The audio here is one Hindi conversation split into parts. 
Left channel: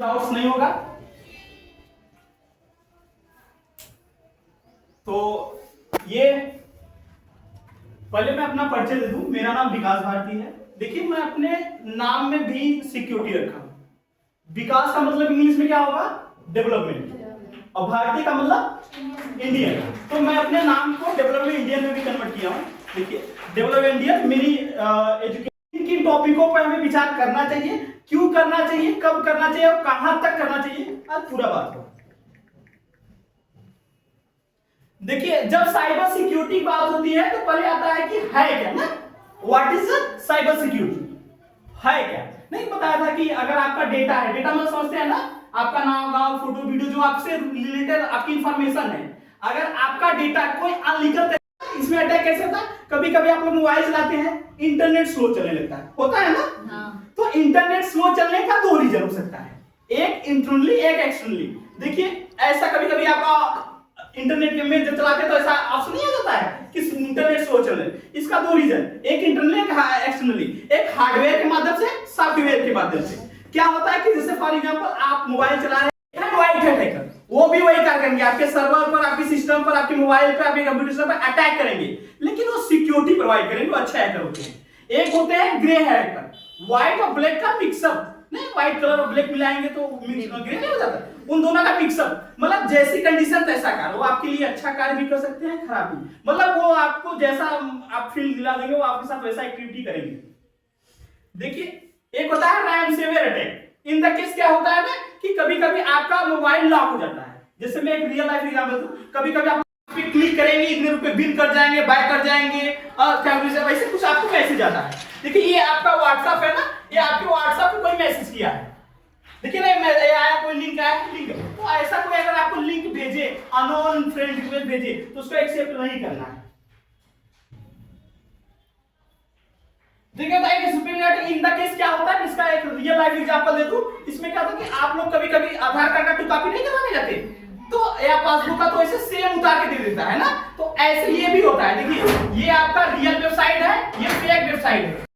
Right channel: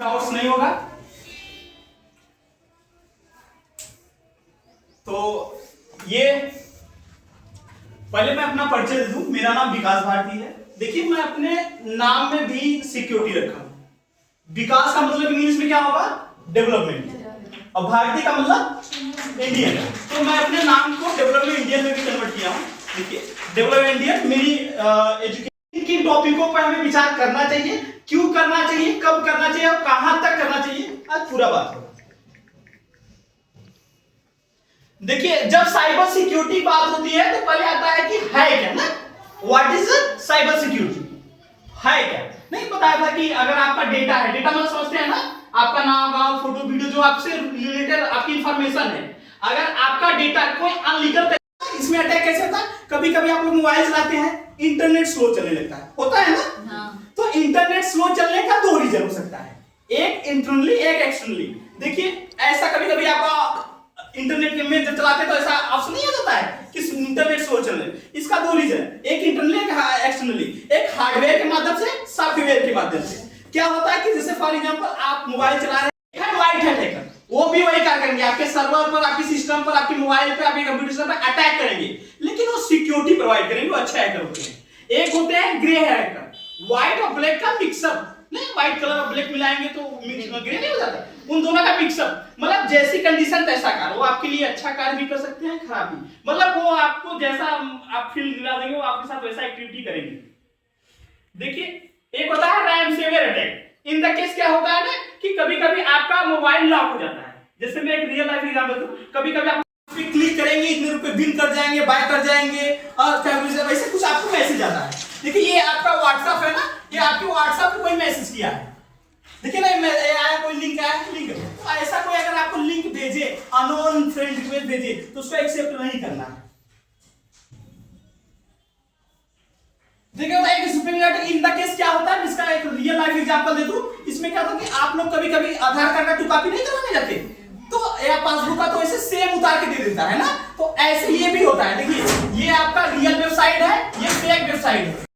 डाउट्स नहीं होगा। तो ये पहले मैं अपना परिचय दे दूं। मेरा नाम विकास भारती है। देखिए मैं अपने नाम में भी सिक्योरिटी रखा हूं। विकास का मतलब इंग्लिश में क्या होगा? डेवलपमेंट। और भारतीय का मतलब इंडियन। तो मैं अपने नाम को डेवलपमेंट इंडियन में भी कन्वर्ट किया हूं। देखिए डेवलपमेंट इंडियन मेरी एजुकेशन की टॉपिकों पर हमें विचार करना चाहिए, क्यों करना चाहिए, कब करना चाहिए और कहां तक करना चाहिए, आज पूरा बात होगा। देखिए जब साइबर सिक्योरिटी की बात होती है तो पहले आता है कि है क्या ना, व्हाट इज साइबर सिक्योरिटी, है क्या। नहीं बताया था कि अगर आपका डेटा है, डेटा मतलब समझते हैं ना, आपका नाम, गांव, फोटो, वीडियो जो आपसे रिलेटेड आपकी इंफॉर्मेशन है, अगर आपका डेटा कोई अनलीगल, इसमें अटैक कैसे होता है? कभी कभी आप लोग मोबाइल चलाते हैं, इंटरनेट स्लो चलने लगता है, होता है ना। हाँ। तो इंटरनेट स्लो चलने का दो रीजन हो सकता है, एक इंटरनली एक एक्सटर्नली। देखिए ऐसा कभी कभी आपका इंटरनेट में जब चलाते हैं तो ऐसा ऑप्शन नहीं आ जाता है कि इंटरनेट स्लो चल रहा है। इसका दो रीजन, एक इंटरनली एक एक्सटर्नली। एक हार्डवेयर के माध्यम से, सॉफ्टवेयर के माध्यम से। क्या होता है कि जैसे फॉर एग्जांपल आप मोबाइल चला रहे हैं, व्हाइट हैट हैकर वो भी वही कार्य करेंगे, आपके सर्वर पर, आपके सिस्टम पर, आपके मोबाइल पर, आपके कंप्यूटर सिस्टम पर अटैक करेंगे, लेकिन वो सिक्योरिटी प्रोवाइड करेंगे, वो अच्छे हैकर होते हैं। एक होते हैं ग्रे हैकर, व्हाइट और ब्लैक का मिक्सअप, नहीं व्हाइट कलर और ब्लैक मिलाएंगे तो ग्रे नहीं हो जाता, उन दोनों का मिक्सअप। मतलब जैसी कंडीशन तैसा कार्य, वो आपके लिए अच्छा कार्य भी कर सकते हैं, खराब भी। मतलब वो आपको जैसा आप फील्ड दिला देंगे वो आपके साथ वैसा एक्टिविटी करेंगे। देखिए एक होता है ransomware attack. In the case क्या होता है ना कि कभी-कभी आपका मोबाइल लॉक हो जाता है। जैसे मैं एक रियल लाइफ एग्जांपल दूं, कभी-कभी आप क्लिक करेंगे, इतने रुपए बिन कर जाएंगे, बाय कर जाएंगे और वैसे कुछ आपको मैसेज आता है। देखिए ये आपका व्हाट्सएप है ना, ये आपके व्हाट्सएप पे कोई मैसेज किया है, देखिए ना आया कोई लिंक आया, लिंक। तो ऐसा कोई अगर आपको लिंक भेजे, अननोन फ्रेंड रिक्वेस्ट भेजे, तो उसको एक्सेप्ट नहीं करना है। देखिए तो एक सुपरनेट इन द केस क्या होता है, इसका एक रियल लाइफ एग्जांपल दे दूं। इसमें क्या होता है कि आप लोग कभी-कभी आधार कार्ड का 2 कॉपी नहीं करवाने जाते, तो या पासबुक का तो ऐसे सेम उतार के दे देता है ना, तो ऐसे ये भी होता है। देखिए ये आपका रियल वेबसाइट है, ये फेक वेबसाइट है।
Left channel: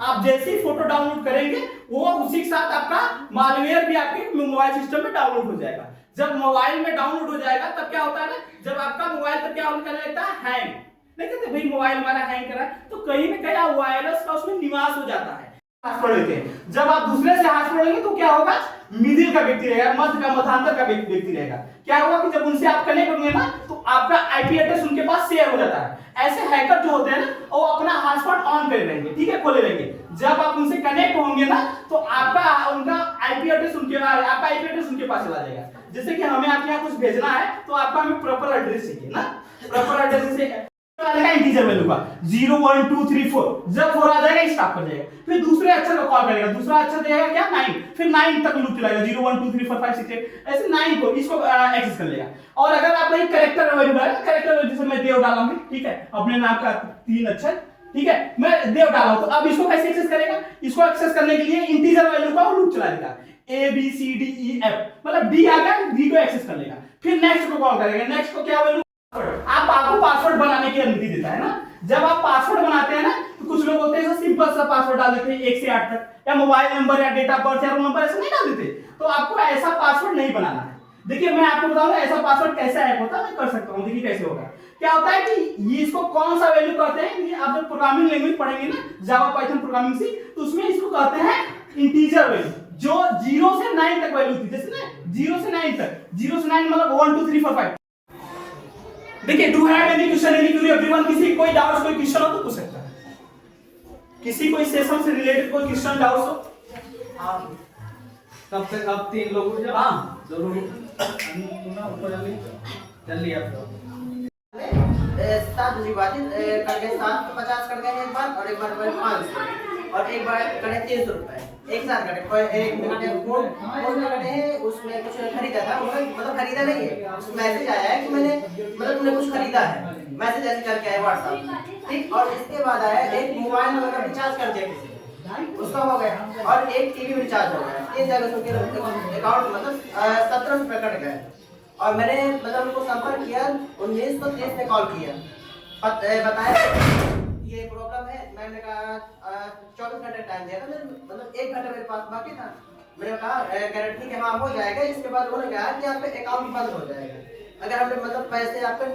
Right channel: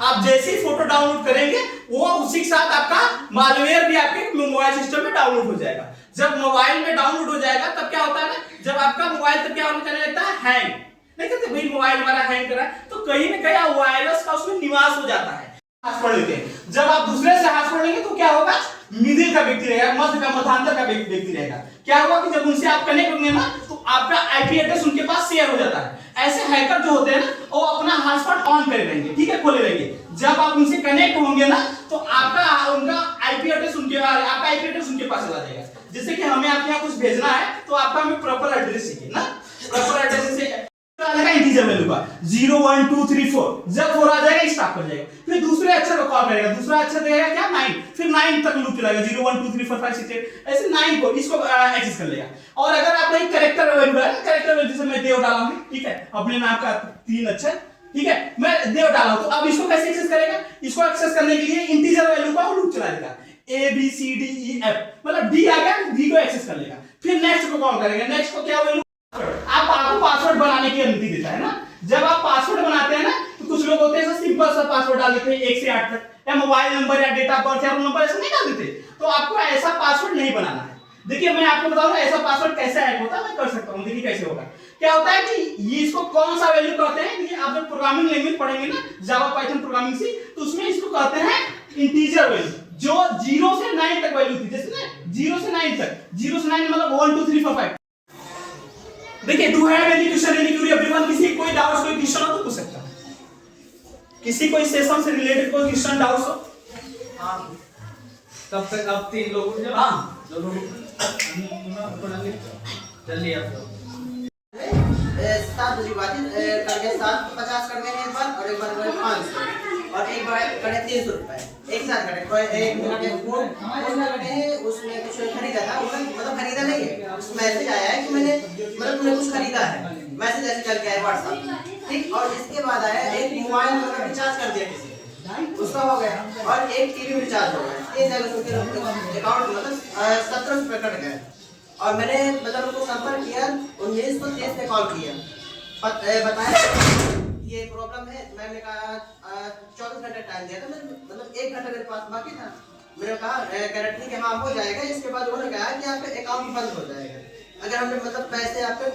आप जैसे ही फोटो डाउनलोड करेंगे वो उसी के साथ आपका मालवेयर भी आपके मोबाइल सिस्टम में डाउनलोड हो जाएगा। जब मोबाइल में डाउनलोड हो जाएगा तब क्या होता है ना, जब आपका मोबाइल तब क्या करने लगता है, हैंग। नहीं कहते भाई मोबाइल हमारा हैंग कर रहा है, तो कहीं ना कहीं वायरस का उसमें निवास हो जाता है। हाथ पकड़ लेते हैं, जब आप दूसरे से हाथ पकड़ेंगे तो क्या होगा, मिडिल का व्यक्ति रहेगा, मध्य का मध्यांतर का व्यक्ति रहेगा। क्या होगा कि जब उनसे आप कनेक्ट होंगे ना तो आपका आईपी एड्रेस उनके पास शेयर हो जाता है। ऐसे हैकर जो होते हैं ना वो अपना हॉटस्पॉट ऑन करे रहेंगे, ठीक है, खोले रहेंगे। जब आप उनसे कनेक्ट होंगे ना तो आपका उनका आईपी एड्रेस उनके पास चला जाएगा। जैसे कि हमें आपके यहाँ कुछ भेजना है तो आपका हमें प्रॉपर एड्रेस चाहिए ना, प्रॉपर एड्रेस से इंटीजर वैल्यू का 0 1 2 3 4, जब 4 आ जाएगा स्टॉप कर जाएगा, फिर दूसरे अक्षर को कॉल करेगा, दूसरा अक्षर देगा क्या 9, फिर 9 तक लूप चलाएगा, 0 1 2 3 4 5 6 7, ऐसे 9 को इसको एक्सेस कर लेगा। और अगर आप एक कैरेक्टर वैल्यू है, कैरेक्टर वैल्यू जैसे मैं देव डाला हूं, ठीक है, अपने नाम का 3 अक्षर, ठीक है, मैं देव डाला हूं, तो अब इसको कैसे एक्सेस करेगा, इसको एक्सेस करने के लिए इंटीजर वैल्यू का लूप चला देगा, A B C D E F, मतलब D आ गया, D को एक्सेस कर लेगा, फिर नेक्स्ट को कॉल करेगा, नेक्स्ट को क्या वैल्यू, आपको पासवर्ड बनाने की अनुमति देता है ना। जब आप पासवर्ड बनाते हैं ना तो कुछ लोग होते हैं सिंपल सा पासवर्ड डाल देते हैं 1 से 8 तक, या मोबाइल नंबर या डेट ऑफ बर्थ या रोल नंबर ऐसा नहीं डाल देते, तो आपको ऐसा पासवर्ड नहीं बनाना है। देखिए मैं आपको बता दूं ऐसा पासवर्ड कैसे हैक होता है, मैं कर सकता हूं। देखिए कैसे होगा, क्या होता है कि ये इसको कौन सा वैल्यू कहते हैं, ये आप जब प्रोग्रामिंग लैंग्वेज पढ़ेंगे ना, जावा पाइथन प्रोग्रामिंग सी, तो उसमें इसको कहते हैं इंटीजर वैल्यू, जो 0 से 9 तक वैल्यू थी, जैसे ना 0 से 9 तक, 0 से 9 मतलब 1 2 3 4 5। देखिए do have any question, any query everyone, किसी कोई डाउट्स, कोई क्वेश्चन हो तो पूछ सकता है, किसी कोई सेशन से रिलेटेड कोई क्वेश्चन डाउट्स हो। हां कब से कब 3 लोग उठ जाओ, हां जरूर जल्दी आप 7 विभाजित कर गए 7 50 कर गए एक बार, और एक बार 500, और एक बार कटे 300 रुपए एक साथ कटे, और एक मिनट फोन में कटे हैं, उसमें कुछ खरीदा था, मतलब खरीदा नहीं है, उस मैसेज आया है कि मैंने मतलब तुमने कुछ खरीदा है, मैसेज ऐसे चल के आया व्हाट्सएप, ठीक। और इसके बाद आया एक मोबाइल मतलब रिचार्ज कर दिया किसी ने, उसका हो गया, और एक टीवी रिचार्ज हो गया, ये जगह उनके अकाउंट मतलब 17 रुपए कट गए। और मैंने मतलब उनको संपर्क किया, 1930 में कॉल किया, बताया ये प्रॉब्लम है, मैंने कहा 24 घंटे टाइम दिया था, मतलब 1 घंटा मेरे पास बाकी था, मैंने कहा गारंटी कि हाँ हो जाएगा। इसके बाद उन्होंने कहा कि आपका अकाउंट बंद हो जाएगा। अगर हमने मतलब पैसे आपके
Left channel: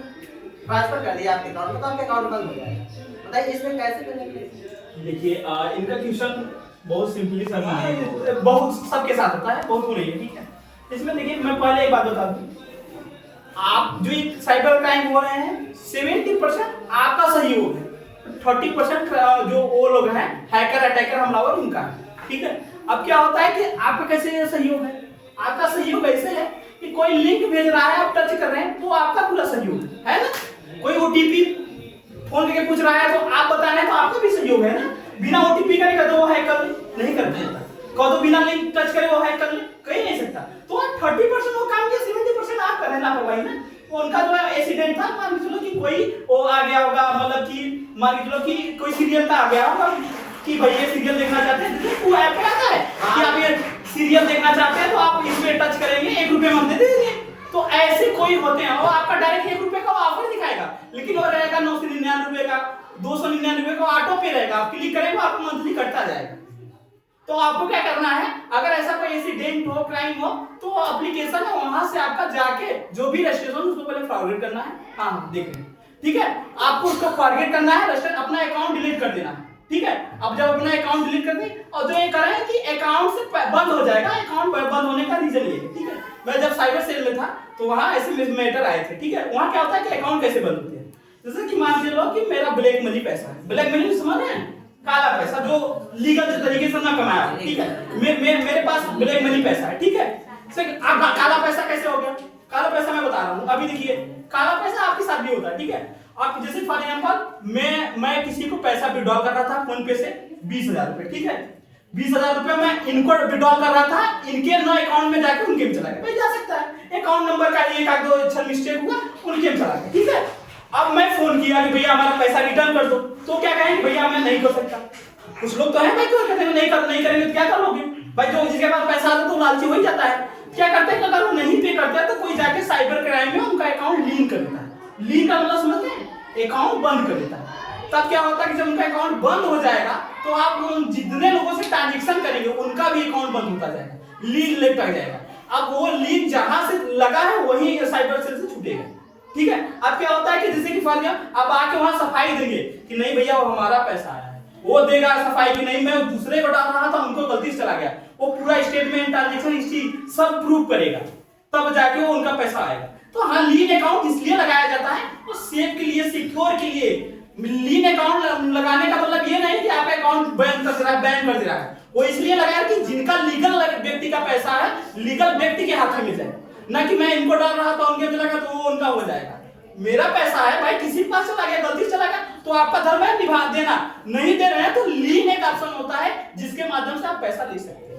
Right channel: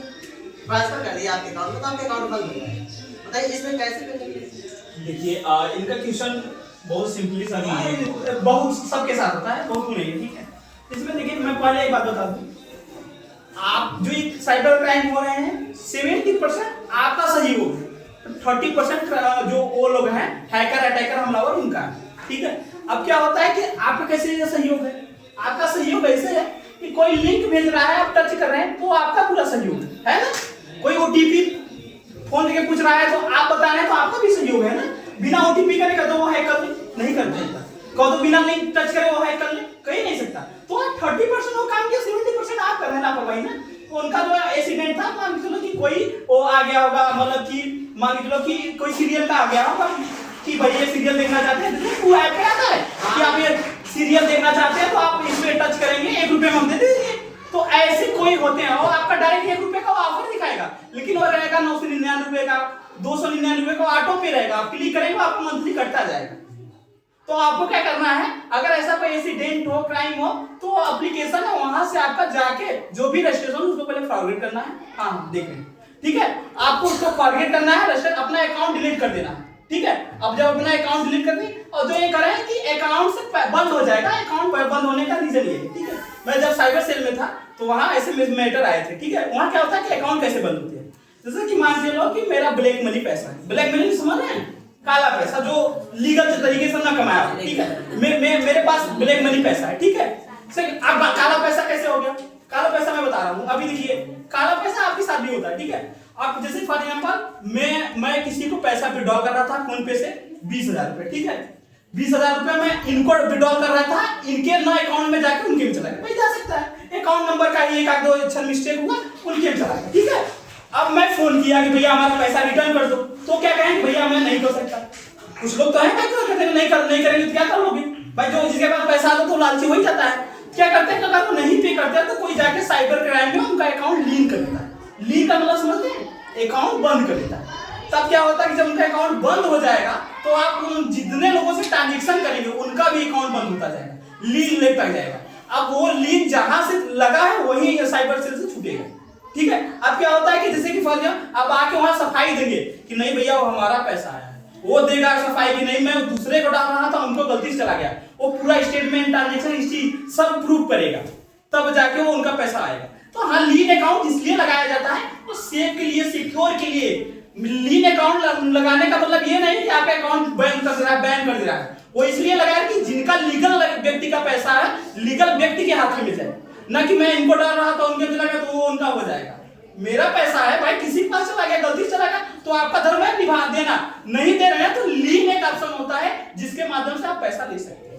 ट्रांसफर कर दिया आपके अकाउंट में तो आपका अकाउंट बंद हो जाएगा। बताइए इसमें कैसे करेंगे? देखिए इनका क्वेश्चन बहुत सिंपली सा है, बहुत सबके साथ होता है, बहुत नहीं है, ठीक है। इसमें देखिए मैं पहले एक बात बता दूं, आप जो ये साइबर क्राइम हो रहे हैं 70% आपका सहयोग है, 30% जो वो लोग हैं हैकर अटैकर हमलावर उनका है, ठीक है। अब क्या होता है कि आपका कैसे सहयोग है, आपका सहयोग ऐसे है कि कोई लिंक भेज रहा है, आप टच कर रहे हैं, वो आपका पूरा सहयोग है ना। कोई ओटीपी फोन करके पूछ रहा है तो आप बता रहे हैं तो आपका भी सहयोग है ना। बिना ओटीपी का नहीं वो हैक कर ले, नहीं करते, कहो तो बिना लिंक टच करे वो हैक कर ले, कहीं नहीं सकता। तो 30% वो काम किया, 70% आप कर रहे हैं लापरवाही ना। उनका जो एक्सीडेंट था, मान के चलो कि कोई वो आ गया होगा, मतलब कि मान के चलो कि कोई सीरियल का आ गया होगा कि भाई ये सीरियल देखना चाहते हैं, वो ऐप पे आता है कि आप ये सीरियल देखना चाहते हैं तो आप इसमें टच करेंगे, 1 रुपए में हम दे देंगे। तो ऐसे कोई होते हैं, वो आपका डायरेक्ट 1 रुपए का ऑफर दिखाएगा, लेकिन वो रहेगा 999 रुपए का, 299 रुपए का ऑटो पे रहेगा। आप क्लिक करेंगे आपको मंथली कटता जाएगा। तो आपको क्या करना है, अगर ऐसा कोई एक्सीडेंट हो, क्राइम हो, तो एप्लीकेशन है वहां से आपका जाके जो भी रजिस्ट्रेशन उसको पहले फॉरवर्ड करना है। हाँ देख लें, ठीक है। आपको उसको फॉरवर्ड करना है, अपना अकाउंट डिलीट कर देना, ठीक है। अब जब अपना अकाउंट डिलीट कर दें और जो ये करें कि अकाउंट से बंद हो जाएगा, अकाउंट बंद होने का रीजन ये है, ठीक है। मैं जब साइबर सेल में था तो वहां ऐसे मैटर आए थे, ठीक है। वहां क्या होता है कि अकाउंट कैसे बंद होते हैं, जैसे कि मान के लो कि मेरा ब्लैक मनी पैसा है, ब्लैक मनी समझ रहे हैं, काला पैसा जो लीगल तरीके से ना कमाया, ठीक है। मेरे पास ब्लैक मनी पैसा है, ठीक है। अब काला पैसा कैसे हो गया, काला पैसा मैं बता रहा हूँ। अभी देखिए काला पैसा आपके साथ भी होता है, ठीक है। आप जैसे फॉर एग्जांपल मैं किसी को पैसा विड्रॉ कर रहा था फोन पे से 20,000 रुपए, ठीक है। 20,000 रुपए मैं इनको विड्रॉ कर रहा था, इनके ना अकाउंट में जाके उनके में चला गया, भाई जा सकता है, अकाउंट नंबर का एक आध दो अच्छा मिस्टेक हुआ, उनके में चला गया, ठीक है। अब मैं फोन किया कि भैया हमारा पैसा रिटर्न कर दो, तो क्या कहेंगे, भैया मैं नहीं कर सकता। कुछ लोग तो है भाई तो कहते हैं नहीं करेंगे तो क्या कर लोगे भाई, जो जिसके पास पैसा आता तो लालची हो ही जाता है। क्या करते हैं, अगर वो नहीं पे करता है तो कोई जाके साइबर क्राइम में उनका अकाउंट लिंक कर देता है। लिंक का मतलब समझते हैं, अकाउंट बंद कर देता है। तब क्या होता है कि जब उनका अकाउंट बंद हो जाएगा तो आप उन जितने लोगों से ट्रांजेक्शन करेंगे उनका भी अकाउंट बंद होता जाएगा, लिंक लग जाएगा। अब वो लिंक जहां से लगा है वही साइबर सेल से छूटेगा, ठीक है। अब क्या होता है कि जैसे कि फर्ज अब आके वहां सफाई देंगे कि नहीं भैया वो हमारा पैसा आया, वो देगा सफाई की नहीं मैं दूसरे को डाल रहा था उनको गलती से चला गया, वो पूरा स्टेटमेंट ट्रांजैक्शन हिस्ट्री सब प्रूफ करेगा, तब जाके वो उनका पैसा आएगा। तो हाँ लीन अकाउंट इसलिए लगाया जाता है तो सेफ के लिए, सिक्योर के लिए। लीन अकाउंट लगाने का मतलब ये नहीं कि आपका अकाउंट बैन कर दे रहा है, वो इसलिए लगाया कि जिनका लीगल व्यक्ति का पैसा है लीगल व्यक्ति के हाथ में जाए, ना कि मैं इनको डाल रहा था उनके चला गया तो वो उनका हो जाएगा। मेरा पैसा है भाई, किसी के पास चला गया गलती से चला गया तो आपका धर्म है निभा देना, नहीं दे रहे हैं तो लीन एक ऑप्शन होता है जिसके माध्यम से आप पैसा ले सकते हैं।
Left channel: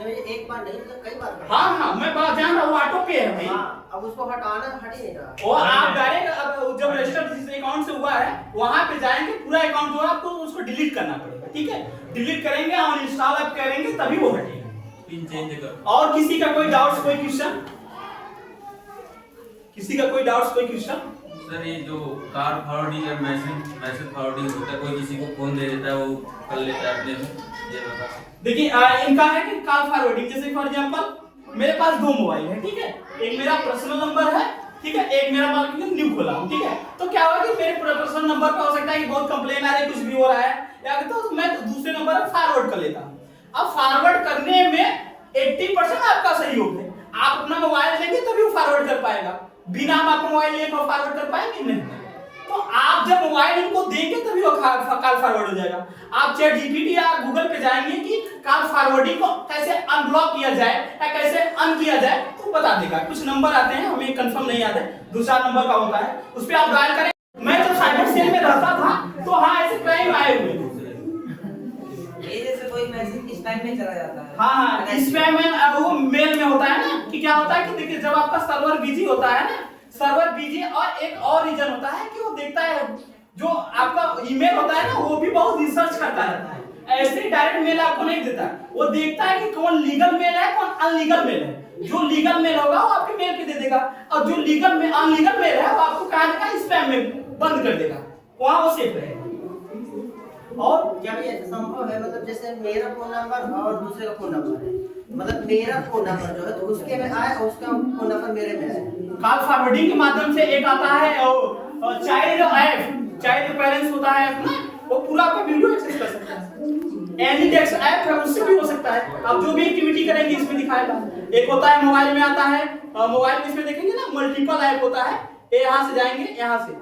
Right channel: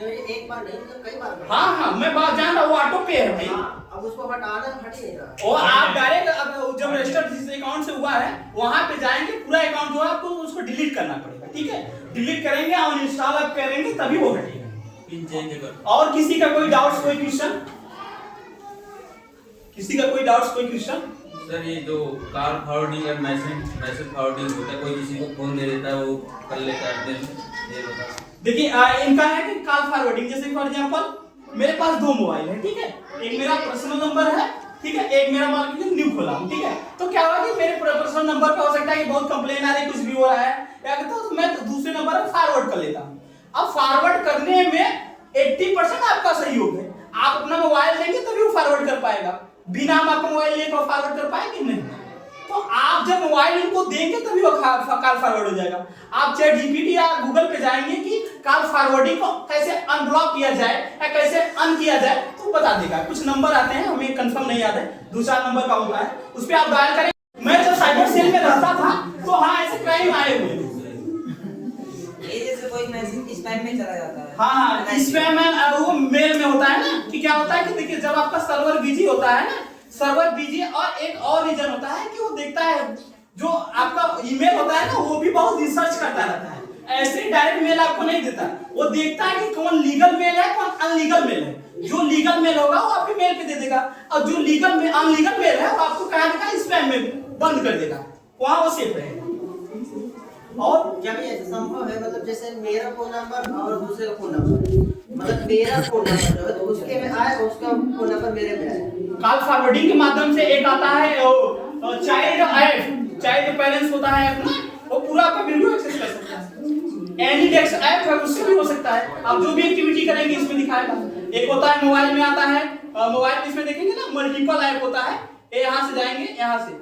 एक बार नहीं मतलब कई बार। हाँ मैं बात जान रहा हूँ, वो ऑटो पे है भाई। अब उसको हटाना हट ही नहीं रहा। और आप डायरेक्ट अब जब रजिस्टर जिस अकाउंट से हुआ है वहां पे जाएंगे, पूरा अकाउंट जो है आपको उसको डिलीट करना पड़ेगा, ठीक है। डिलीट करेंगे और इंस्टॉल आप करेंगे तभी वो हटेगा, पिन चेंज कर। और किसी का कोई डाउट्स, कोई क्वेश्चन, किसी का कोई डाउट्स, कोई क्वेश्चन? सर ये जो कार फॉरवर्डिंग और मैसेज फॉरवर्डिंग होता है, कोई किसी को फोन दे देता है वो कर लेता है अपने, ये बता। देखिए इनका है कि कॉल फॉरवर्डिंग, जैसे फॉर एग्जांपल मेरे पास 2 मोबाइल है, ठीक है। एक मेरा पर्सनल नंबर है, ठीक है, एक मेरा मार्केट न्यू खोला हूं, ठीक है। तो क्या हुआ कि मेरे पर्सनल नंबर पे हो सकता है कि बहुत कंप्लेन आ रही है, कुछ भी हो रहा है या तो मैं दूसरे नंबर पर फॉरवर्ड कर लेता हूं। अब फॉरवर्ड करने में 80% आपका सहयोग है, आप अपना मोबाइल देंगे तभी वो फॉरवर्ड कर पाएगा, बिना हम आपको मोबाइल लेकर फॉरवर्ड कर पाएंगे नहीं। तो आप जब मोबाइल इनको देंगे तभी वो कॉल फॉरवर्ड हो जाएगा। आप चैट जीपीटी या गूगल पे जाएंगे कि कॉल फॉरवर्डिंग को कैसे अनब्लॉक किया जाए या कैसे अन किया जाए तो बता देगा। कुछ नंबर आते हैं, हमें कंफर्म नहीं याद है, 2-4 नंबर का होता है, उस पर आप डायल करें। मैं जब साइबर सेल में रहता था तो हाँ ऐसे क्राइम आए हुए थे, जैसे कोई मैसेज इस टाइम में चला जाता है। हाँ स्पैम में, अब वो मेल में होता है ना कि क्या होता है कि देखिए जब आपका सर्वर बिजी होता है ना, सर्वर बिजी, और एक और रीजन होता है कि वो देखता है जो आपका ईमेल होता है ना वो भी बहुत रिसर्च करता रहता है, ऐसे डायरेक्ट मेल आपको नहीं देता, वो देखता है कि कौन लीगल मेल है कौन अनलीगल मेल है। जो लीगल मेल होगा वो आपके मेल पे दे देगा और जो लीगल में अनलीगल मेल है वो आपको कहां का स्पैम में बंद कर देगा, वहां वो सेफ रहेगा। और क्या भी ऐसा संभव है, मतलब जैसे मेरा फोन नंबर और दूसरे का फोन नंबर है, मतलब मेरा फोन नंबर जो है तो उसके में आए, उसका फोन नंबर मेरे में आए। कॉल फॉरवर्डिंग के माध्यम से एक आता है चाइल्ड ऐप, चाइल्ड पेरेंट्स होता है अपना, वो पूरा आपका वीडियो एक्सेस कर सकता है। एनीडेक्स ऐप है, उससे भी हो सकता है। आप जो भी एक्टिविटी करेंगे इसमें दिखाएगा। एक होता है मोबाइल में आता है, मोबाइल में इसमें देखेंगे ना मल्टीपल ऐप होता है, ये यहाँ से जाएंगे यहाँ से,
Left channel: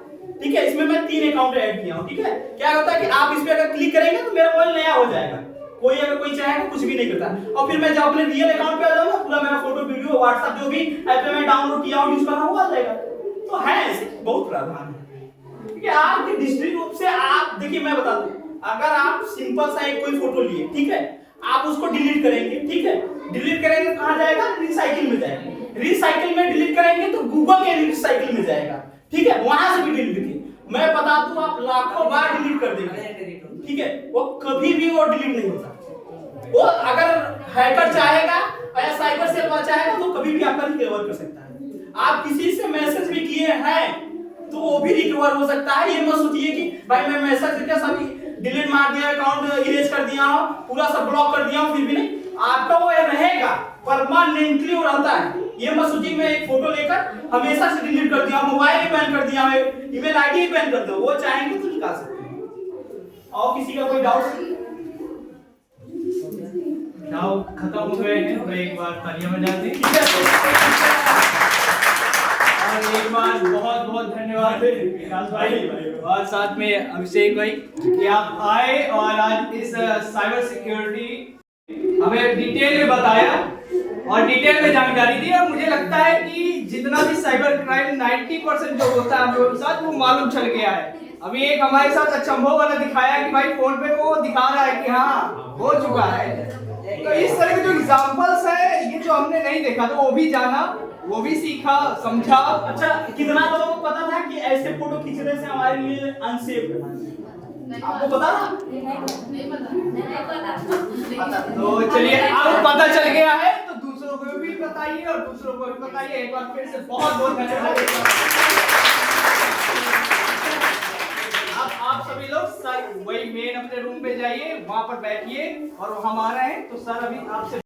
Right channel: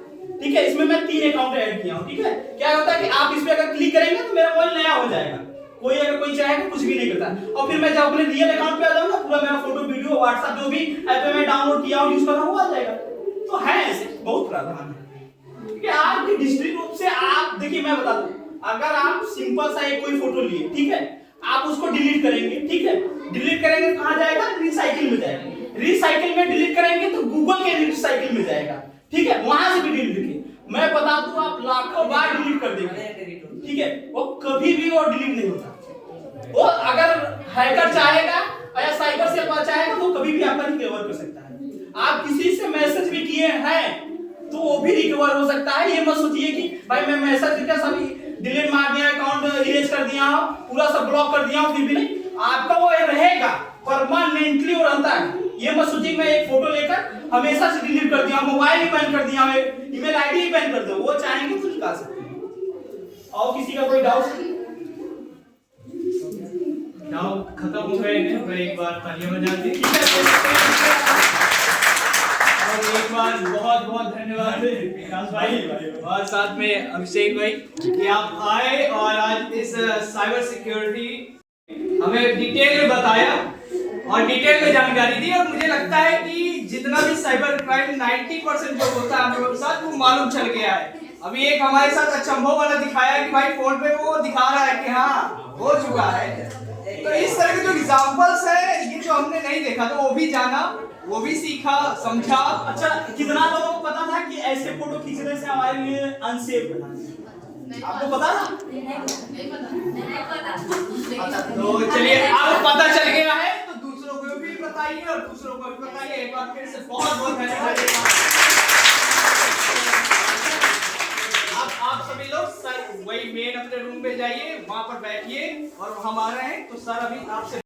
ठीक है। इसमें मैं 3 अकाउंट ऐड किया हूँ, ठीक है। क्या होता है कि आप इस पे अगर क्लिक करेंगे तो मेरा मोबाइल नया हो जाएगा, कोई अगर कोई चाहेगा कुछ भी नहीं करता। और फिर मैं जब अपने रियल अकाउंट पे आ जाऊंगा, पूरा मेरा फोटो वीडियो व्हाट्सएप जो भी ऐप में मैं डाउनलोड किया हूँ यूज कर रहा हूँ, आ जाएगा। तो है ऐसे बहुत प्रावधान है, ठीक है। आपकी डिजिटल रूप से आप देखिए, मैं बता दूं, अगर आप सिंपल सा एक कोई फोटो लिए, ठीक है, आप उसको डिलीट करेंगे, ठीक है, डिलीट करेंगे तो कहां जाएगा? रिसाइकिल में जाएगा। रिसाइकिल में डिलीट करेंगे तो गूगल के रिसाइकिल में जाएगा, ठीक है, वहां से भी डिलीट किए। मैं बता दूं, आप लाखों बार डिलीट कर देंगे, ठीक है, वो कभी भी वो डिलीट नहीं होता। वो अगर हैकर चाहेगा या साइबर सेल चाहेगा तो कभी भी आपका रिकवर कर सकता है। आप किसी से मैसेज भी किए हैं तो वो भी रिकवर हो सकता है। ये मत सोचिए कि भाई मैं मैसेज करके सभी डिलीट मार दिया, अकाउंट इरेज कर दिया हूं, पूरा सब ब्लॉक कर दिया हूं, फिर भी नहीं, आपका वो रहेगा, परमानेंटली वो रहता है। ये मत सोचिए मैं एक फोटो लेकर हमेशा से डिलीट कर दिया, मोबाइल ही बैन कर दिया, ईमेल आईडी ही बैन कर दो, वो चाहेंगे तो निकाल सकते हैं। और किसी का कोई डाउट? डाउट खत्म हो गए हैं, मैं एक बार तालियां बजाते हैं। ठीक है, और एक बार बहुत बहुत धन्यवाद विकास भाई और साथ में अभिषेक भाई कि आप आए और आज इस साइबर सिक्योरिटी हमें डिटेल में बताया और डिटेल में जानकारी दी। और मुझे लगता है कि जितना भी साइबर क्राइम 90% जो होता है हम लोगों के साथ वो मालूम चल गया है। अभी एक हमारे साथ अचंभव वाला दिखाया कि भाई फोन पे वो दिखा रहा है कि हाँ हो चुका है। तो इस तरह के जो एग्जांपल्स है, ये जो हमने नहीं देखा था वो भी जाना, वो भी सीखा, समझा। अच्छा, कितना लोगों को पता था कि ऐसे फोटो खींचने से हमारे लिए अनसेफ है? आपको पता था? तो चलिए, अब पता चल गया है तो दूसरों को भी बताइए और दूसरों को भी बताइए। एक बार फिर से बहुत बहुत धन्यवाद। अब आप सभी लोग वही मेन अपने रूम में जाइए, वहां पर बैठिए और हम आ रहे हैं। तो सर अभी आपसे